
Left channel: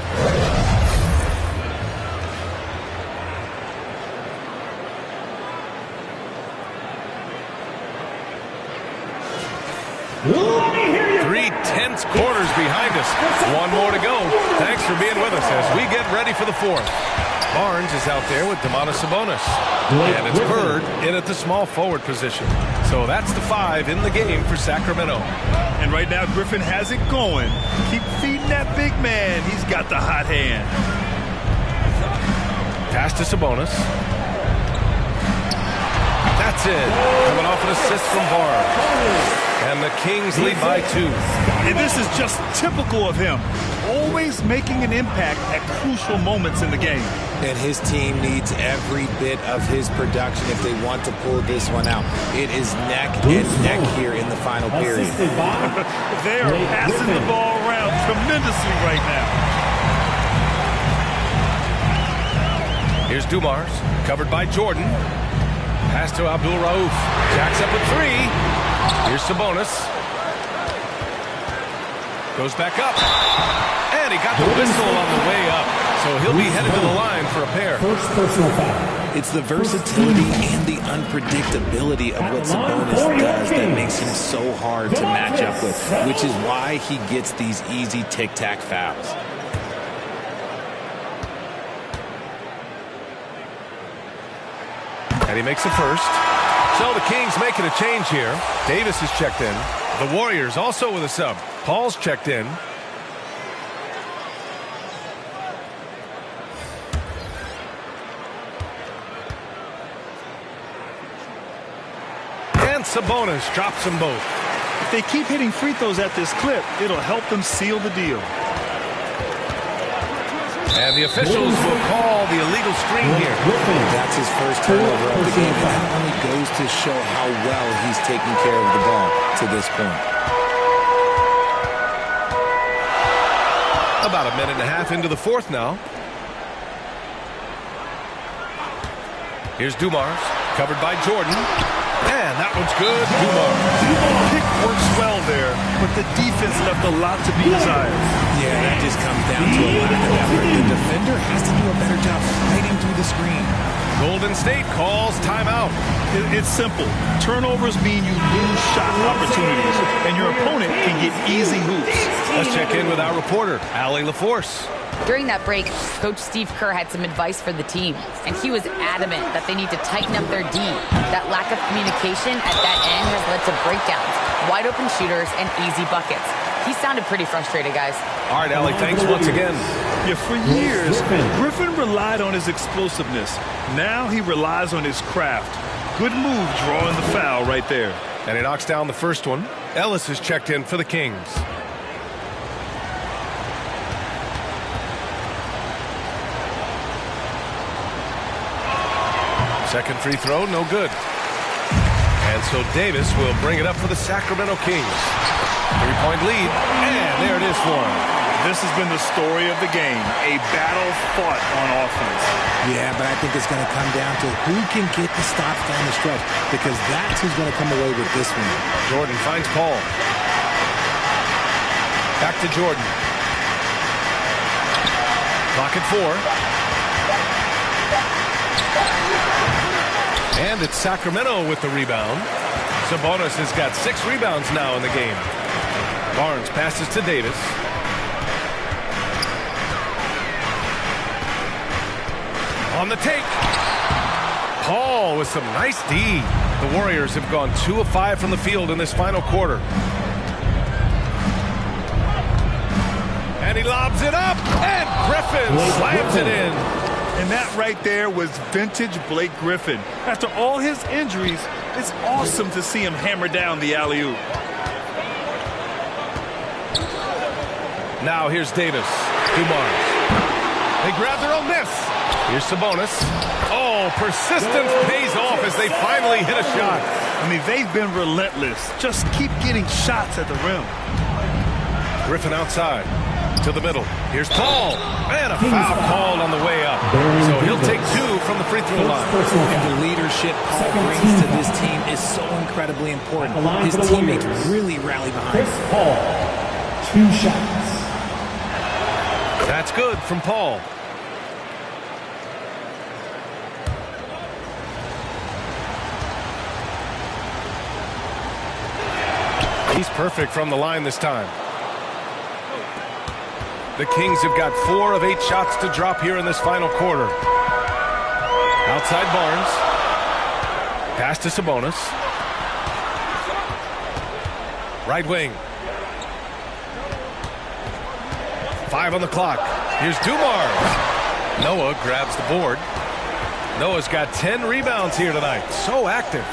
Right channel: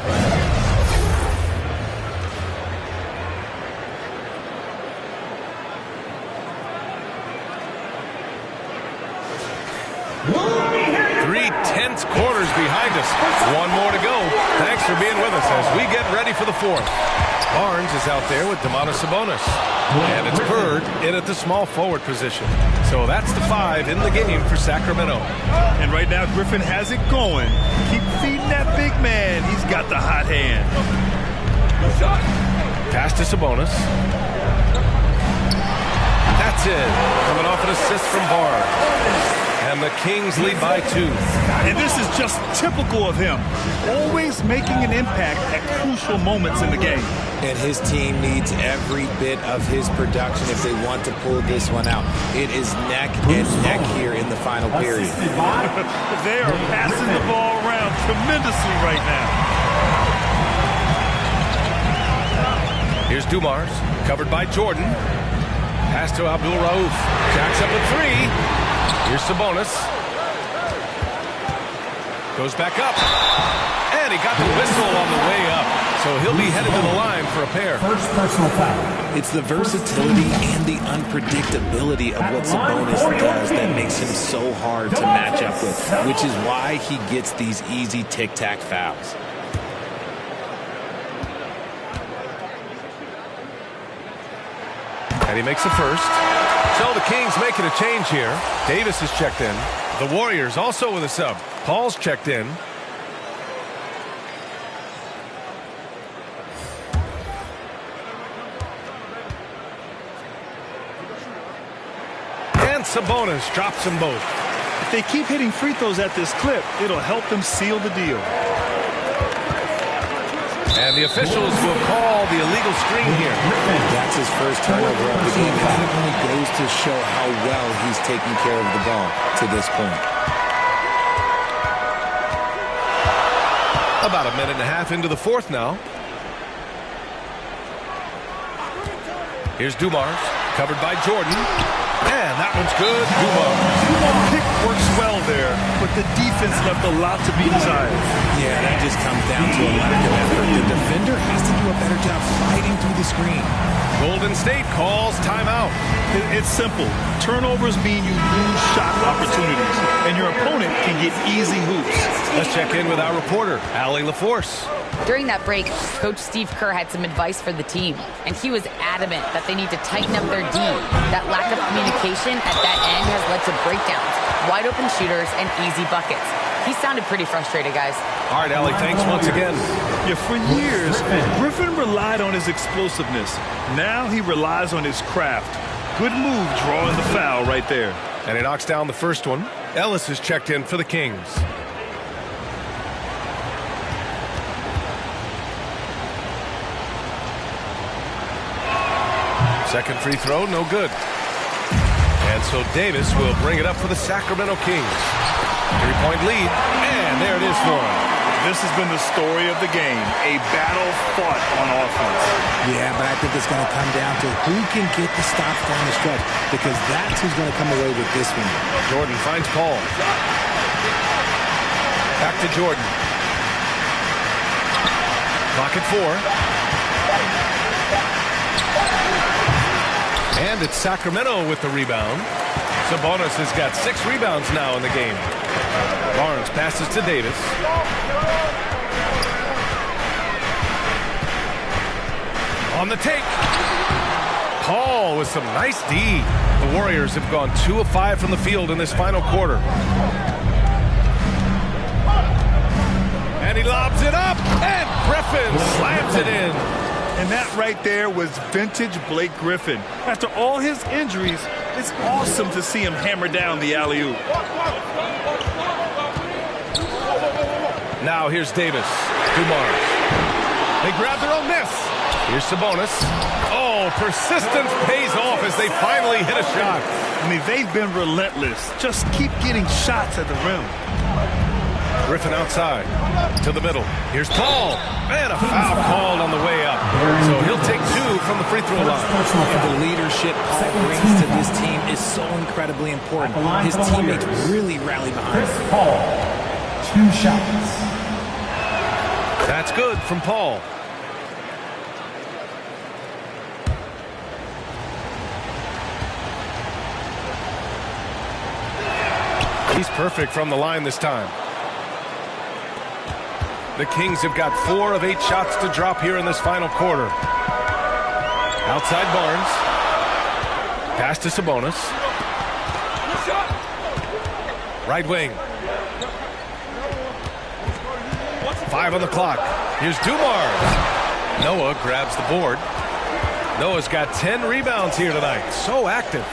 Three tense quarters behind us. One more to go. Thanks for being with us as we get ready for the fourth. Barnes is out there with Domantas Sabonis. And it's Bird in at the small forward position. So that's the 5 in the game for Sacramento. And right now, Griffin has it going. Keep feeding that big man. He's got the hot hand. Pass to Sabonis. That's it. Coming off an assist from Barnes. And the Kings lead by 2. And this is just typical of him. Always making an impact at crucial moments in the game. And his team needs every bit of his production if they want to pull this one out. It is neck and neck here in the final period. They are passing the ball around tremendously right now. Here's Dumars, covered by Jordan. Pass to Abdul Rauf. Jacks up a 3. Here's Sabonis. Goes back up. And he got the whistle on the way up. So he'll be headed to the line for a pair. First personal foul. It's the versatility and the unpredictability of what Sabonis does that makes him so hard to match up with, which is why he gets these easy tic-tac fouls. And he makes the first. So the Kings making a change here. Davis is checked in. The Warriors also with a sub. Paul's checked in. And Sabonis drops them both. If they keep hitting free throws at this clip, it'll help them seal the deal. And the officials will call the illegal screen here. That's his first turnover of the game, and that only goes to show how well he's taking care of the ball to this point. About a minute and a half into the fourth now. Here's Dumars, covered by Jordan. And that one's good. Dumars. Pick works well there, but the defense left a lot to be desired. Yeah, that just comes down to a lack of effort. The defender has to do a better job fighting through the screen. Golden State calls timeout. It's simple. Turnovers mean you lose shot opportunities, and your opponent can get easy hoops. Let's check in with our reporter, Allie LaForce. During that break, Coach Steve Kerr had some advice for the team, and he was adamant that they need to tighten up their D. That lack of communication at that end has led to breakdowns, wide open shooters, and easy buckets. He sounded pretty frustrated, guys. All right, Allie, thanks once again. Yeah, for years, Griffin relied on his explosiveness. Now he relies on his craft. Good move drawing the foul right there. And he knocks down the first one. Ellis is checked in for the Kings. Second free throw, no good. And so Davis will bring it up for the Sacramento Kings. 3-point lead, and there it is for him. This has been the story of the game, a battle fought on offense. Yeah, but I think it's going to come down to who can get the stops down the stretch, because that's who's going to come away with this one. Jordan finds Paul. Back to Jordan. Clock at 4. And it's Sacramento with the rebound. Sabonis has got 6 rebounds now in the game. Barnes passes to Davis. On the take. Paul with some nice D. The Warriors have gone 2 of 5 from the field in this final quarter. And he lobs it up. And Griffin slams it in. And that right there was vintage Blake Griffin. After all his injuries, it's awesome to see him hammer down the alley-oop. Now here's Davis. Dumars. They grab their own miss. Here's Sabonis. Oh, persistence pays off as they finally hit a shot. I mean, they've been relentless. Just keep getting shots at the rim. Griffin outside to the middle. Here's Paul. And a foul called on the way up. So he'll take 2 from the free throw line. And the leadership Paul brings to this team is so incredibly important. His teammates really rally behind him. Paul, 2 shots. That's good from Paul. He's perfect from the line this time. The Kings have got 4 of 8 shots to drop here in this final quarter. Outside Barnes. Pass to Sabonis. Right wing. 5 on the clock. Here's Dumars. Noah grabs the board. Noah's got 10 rebounds here tonight. So active.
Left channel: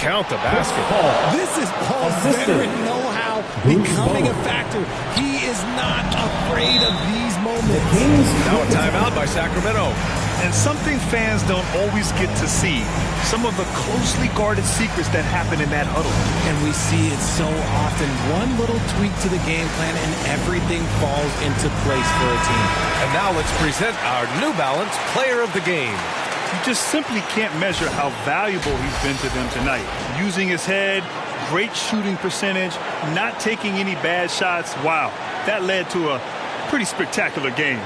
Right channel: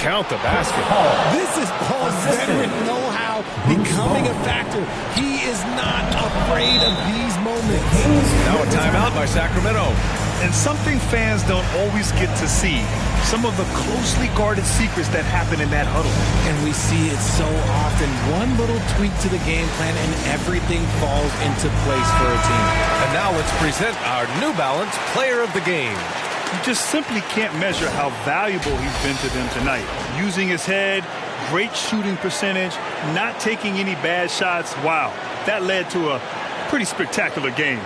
Count the basket. This is Paul's veteran know-how becoming a factor. He is not afraid of these moments. Now a timeout by Sacramento. And something fans don't always get to see. Some of the closely guarded secrets that happen in that huddle. And we see it so often. One little tweak to the game plan and everything falls into place for a team. And now let's present our New Balance Player of the Game. You just simply can't measure how valuable he's been to them tonight. Using his head, great shooting percentage, not taking any bad shots. Wow, that led to a pretty spectacular game.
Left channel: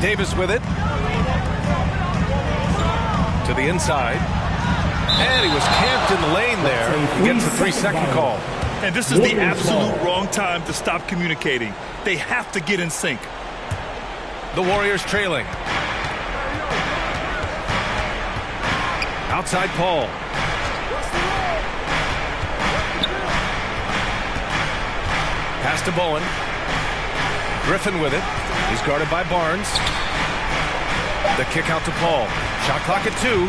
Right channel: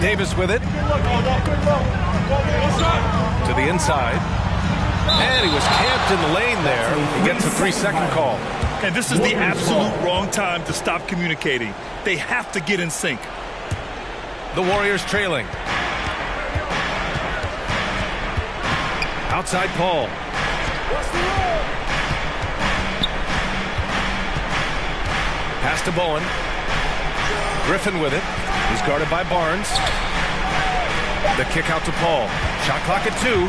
Davis with it. To the inside. And he was camped in the lane there. He gets a 3-second call. And this is the absolute wrong time to stop communicating. They have to get in sync. The Warriors trailing. Outside Paul. Pass to Bowen. Griffin with it. He's guarded by Barnes. The kick out to Paul. Shot clock at 2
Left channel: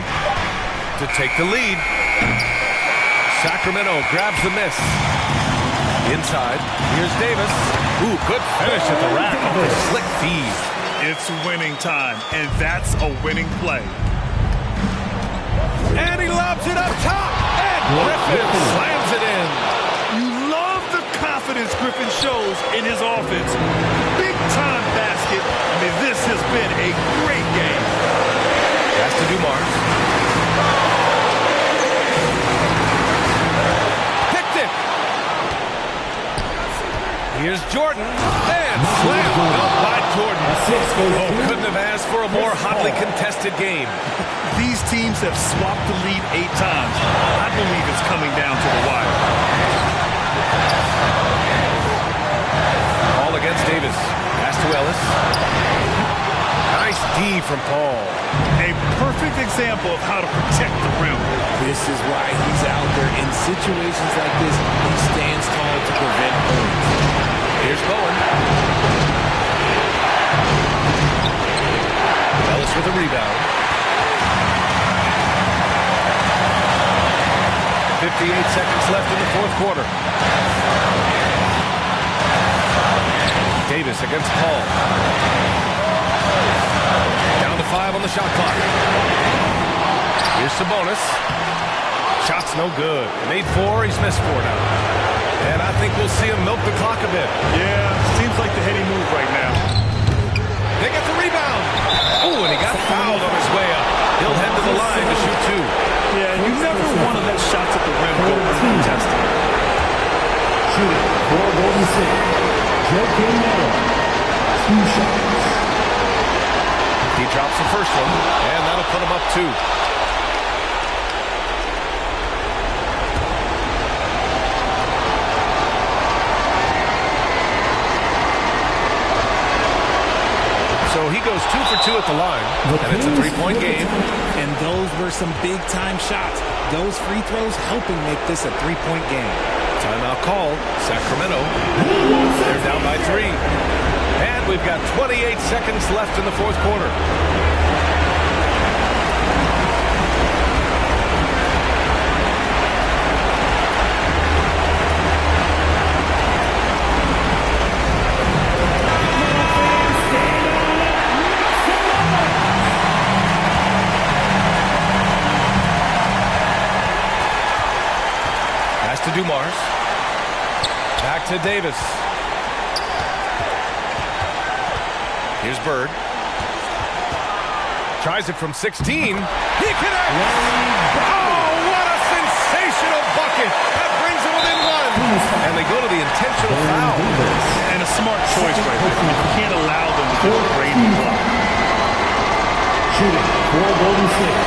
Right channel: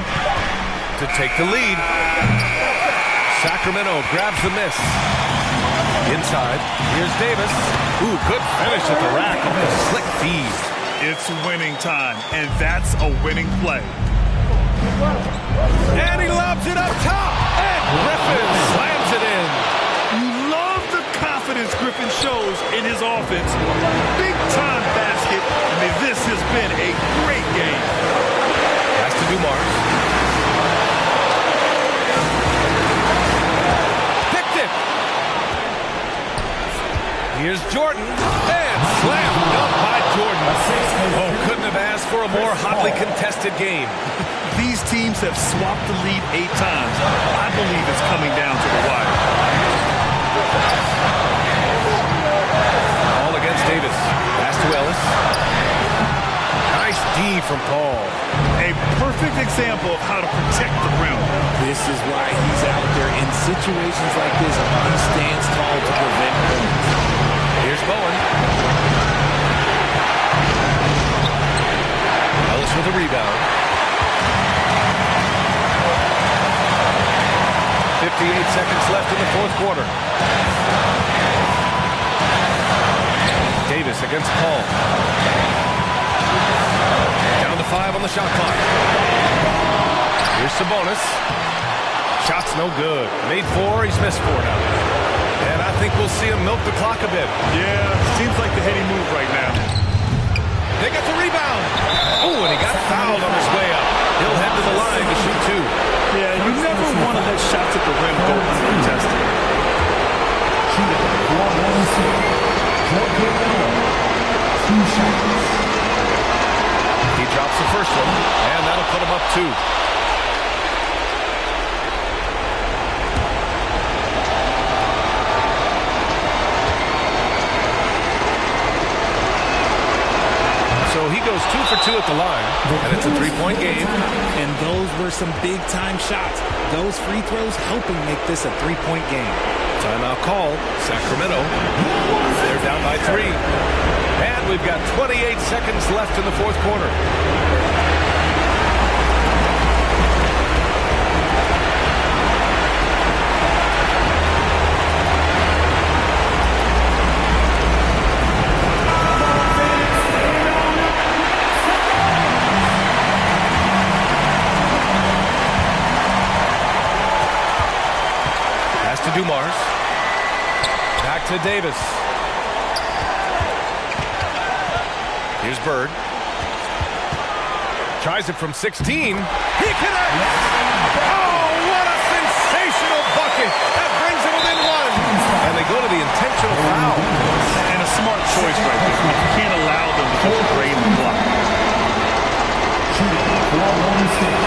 to take the lead. Sacramento grabs the miss. Inside, here's Davis. Ooh, good finish at the rack off the slick feed. It's winning time, and that's a winning play. And he lobs it up top, and Griffin slams it in. You love the confidence Griffin shows in his offense. Big-time basket. I mean, this has been a great game. Pass to Dumars. Here's Jordan, and slam dunk by Jordan. Oh, couldn't have asked for a more hotly contested game. These teams have swapped the lead 8 times. I believe it's coming down to the wire. All against Davis. Pass to Ellis. Nice D from Paul. A perfect example of how to protect the rim. This is why he's out there. In situations like this, he stands tall to prevent points. Here's Bowen. Ellis with a rebound. 58 seconds left in the fourth quarter. Davis against Paul. Down to 5 on the shot clock. Here's Sabonis. Shot's no good. Made 4, he's missed 4 now. And I think we'll see him milk the clock a bit. Yeah, seems like the heady move right now. They got the rebound. Oh, and he got fouled on his way up. He'll head to the line to shoot 2. Yeah, you never want to let shots at the rim go uncontested. Shooting for Golden State, JBL, 2 shots. He drops the first one, and that'll put him up 2. So he goes 2 for 2 at the line, and it's a 3-point game. And those were some big-time shots. Those free throws helping make this a 3-point game. Timeout called. Sacramento. They're down by 3. And we've got 28 seconds left in the fourth quarter. to Dumars. Back to Davis. Here's Bird. Tries it from 16. He connects! Oh, what a sensational bucket! That brings him within one. And they go to the intentional foul. And a smart choice right there. You can't allow them to just drain the clock. Shooting for Golden State.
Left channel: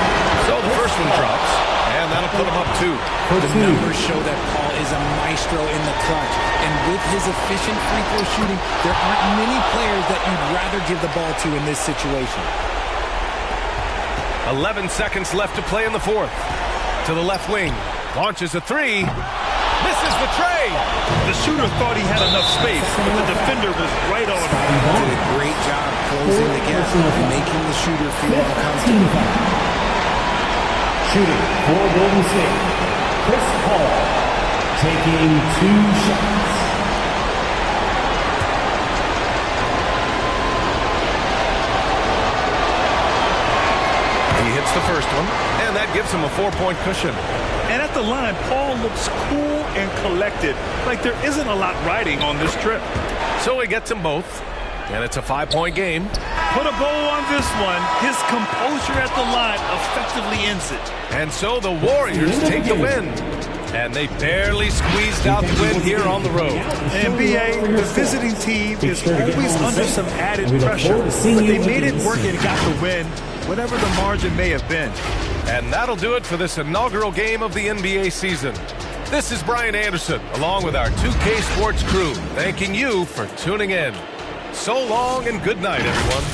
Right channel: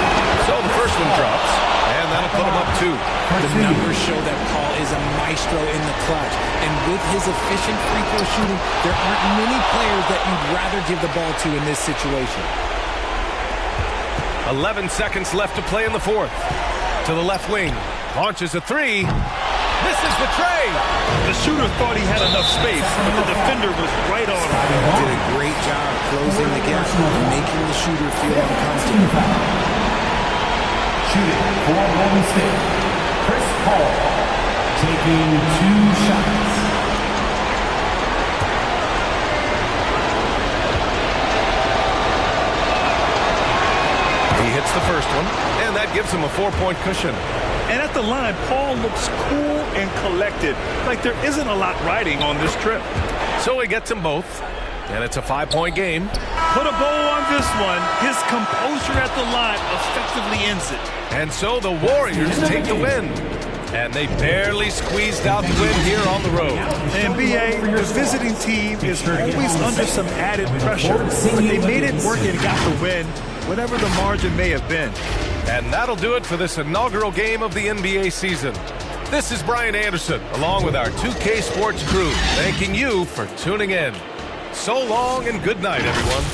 So the first one drops, and that'll put him up 2. The numbers show that Paul is a maestro in the clutch. And with his efficient free throw shooting, there aren't many players that you'd rather give the ball to in this situation. 11 seconds left to play in the fourth. To the left wing. Launches a 3. Misses the tray. The shooter thought he had enough space, but the defender was right on him. Did a great job closing the gap, making the shooter feel uncomfortable. Shooting for Golden State, Chris Paul taking 2 shots. He hits the first one, and that gives him a 4-point cushion. And at the line, Paul looks cool and collected, like there isn't a lot riding on this trip. So he gets them both, and it's a 5-point game. Put a bow on this one. His composure at the line effectively ends it. And so the Warriors take the win. And they barely squeezed out the win here on the road. And B.A., the visiting team is always under some added pressure, but they made it work and got the win, whatever the margin may have been. And that'll do it for this inaugural game of the NBA season. This is Brian Anderson, along with our 2K Sports crew, thanking you for tuning in. So long and good night, everyone.